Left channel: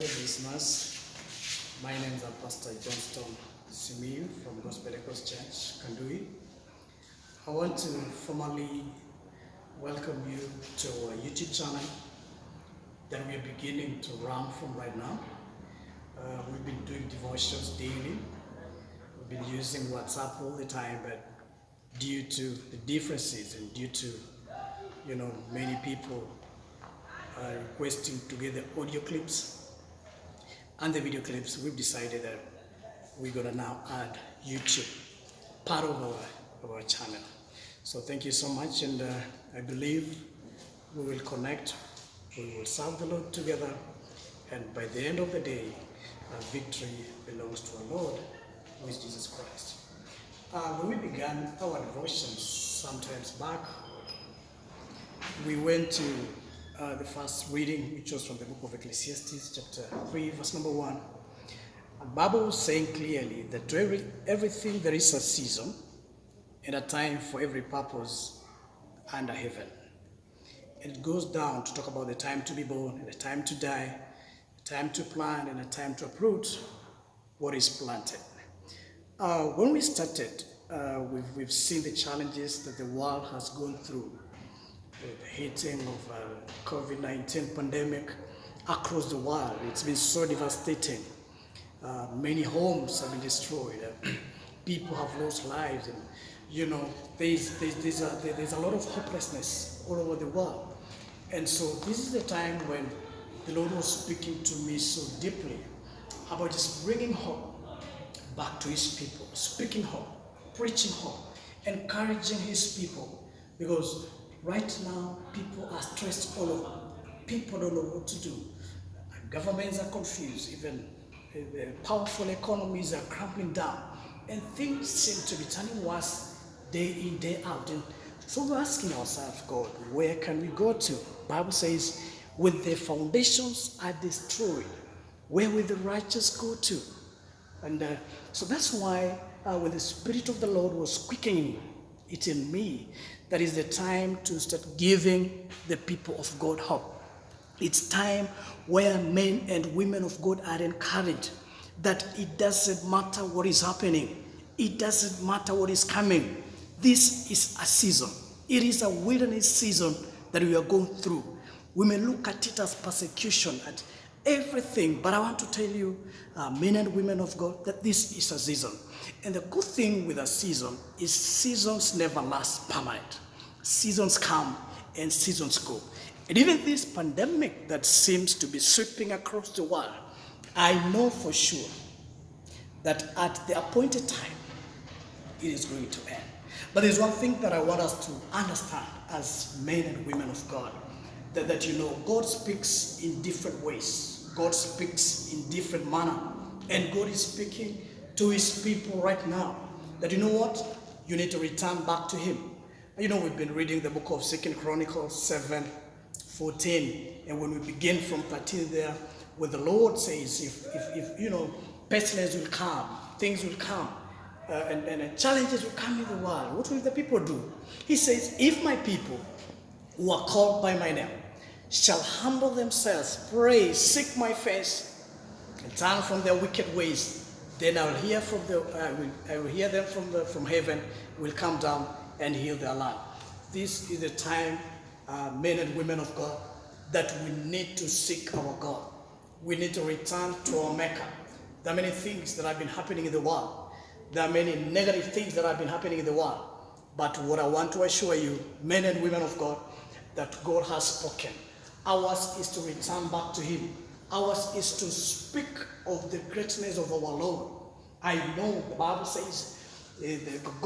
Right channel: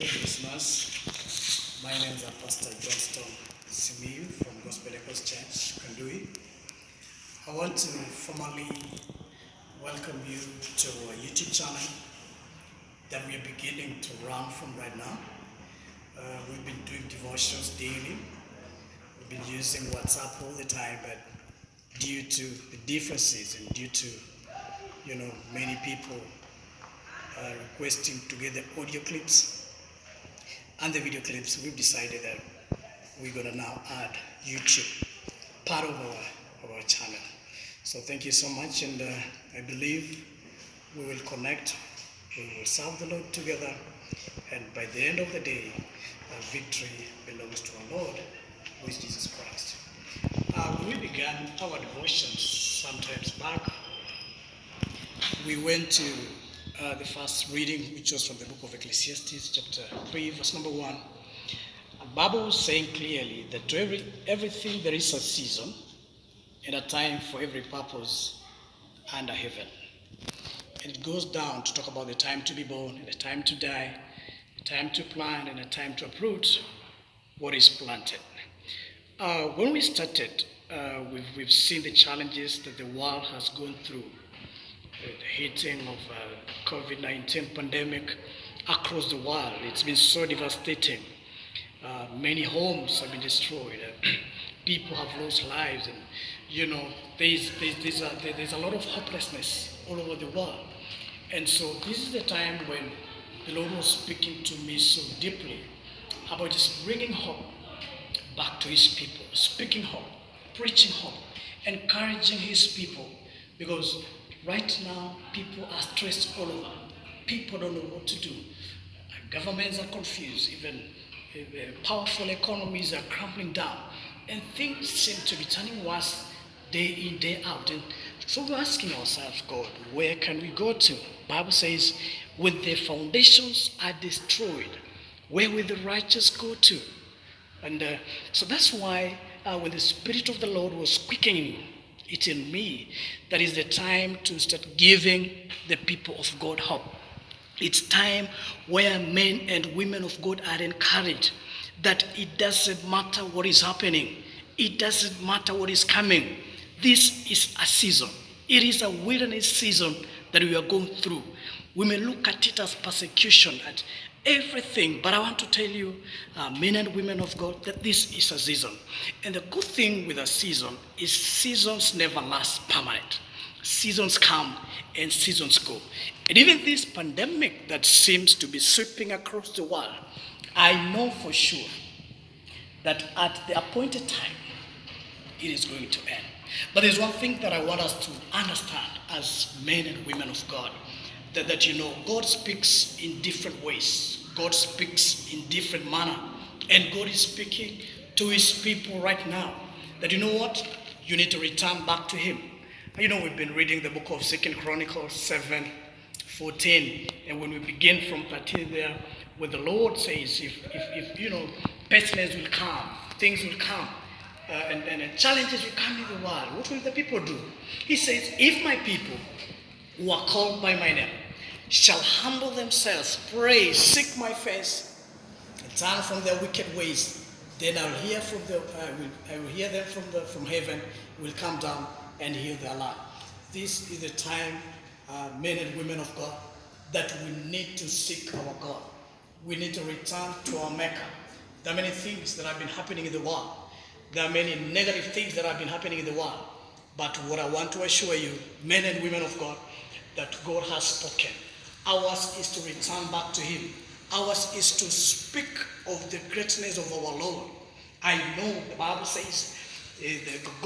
Listeners, my name is Pst Johnstone Simiyu from Gospel Echoes Church Kanduyi. I want to formally welcome you to our YouTube channel that we are beginning to run from right now. We've been doing devotions daily. We've been using WhatsApp all the time, but due to the differences and due to many people requesting to get the audio clips and the video clips, we've decided that we're gonna now add YouTube part of our channel. So thank you so much, and I believe we will connect, we will serve the Lord together, and by the end of the day, victory belongs to our Lord, who is Jesus Christ. When we began our devotions sometimes back, we went to the first reading, which was from the book of Ecclesiastes, chapter 3, verse number 1. The Bible was saying clearly that to everything there is a season and a time for every purpose under heaven. And it goes down to talk about the time to be born and the time to die, the time to plant and the time to uproot what is planted. When we started, we've seen the challenges that the world has gone through. The hitting of COVID-19 pandemic across the world. It's been so devastating. Many homes have been destroyed. People have lost lives, and there's a lot of hopelessness all over the world. And so this is the time when the Lord was speaking to me so deeply about just bringing hope back to His people, speaking hope, preaching hope, encouraging His people, because right now, people are stressed all over. People don't know what to do. Governments are confused. Even powerful economies are crumbling down. And things seem to be turning worse day in, day out. And so we're asking ourselves, God, where can we go to? The Bible says, when the foundations are destroyed, where will the righteous go to? And so that's why when the Spirit of the Lord was quickening it in me, that is the time to start giving the people of God hope. It's time where men and women of God are encouraged that it doesn't matter what is happening. It doesn't matter what is coming. This is a season. It is a wilderness season that we are going through. We may look at it as persecution, at everything, but I want to tell you, men and women of God, that this is a season. And the good thing with a season is seasons never last permanent. Seasons come and seasons go. And even this pandemic that seems to be sweeping across the world, I know for sure that at the appointed time, it is going to end. But there's one thing that I want us to understand as men and women of God, that God speaks in different ways. God speaks in different manner. And God is speaking to His people right now. That you know what? You need to return back to Him. We've been reading the book of 2 Chronicles 7:14. And when we begin from 13 there, where the Lord says, if pestilence will come, things will come, and challenges will come in the world, what will the people do? He says, if my people who are called by my name shall humble themselves, pray, seek my face, and turn from their wicked ways, then I will hear them from heaven, will come down and heal their land. This is the time, men and women of God, that we need to seek our God. We need to return to our Maker. There are many things that have been happening in the world. There are many negative things that have been happening in the world. But what I want to assure you, men and women of God, that God has spoken. Ours is to return back to Him. Ours is to speak of the greatness of our Lord. I know the Bible says God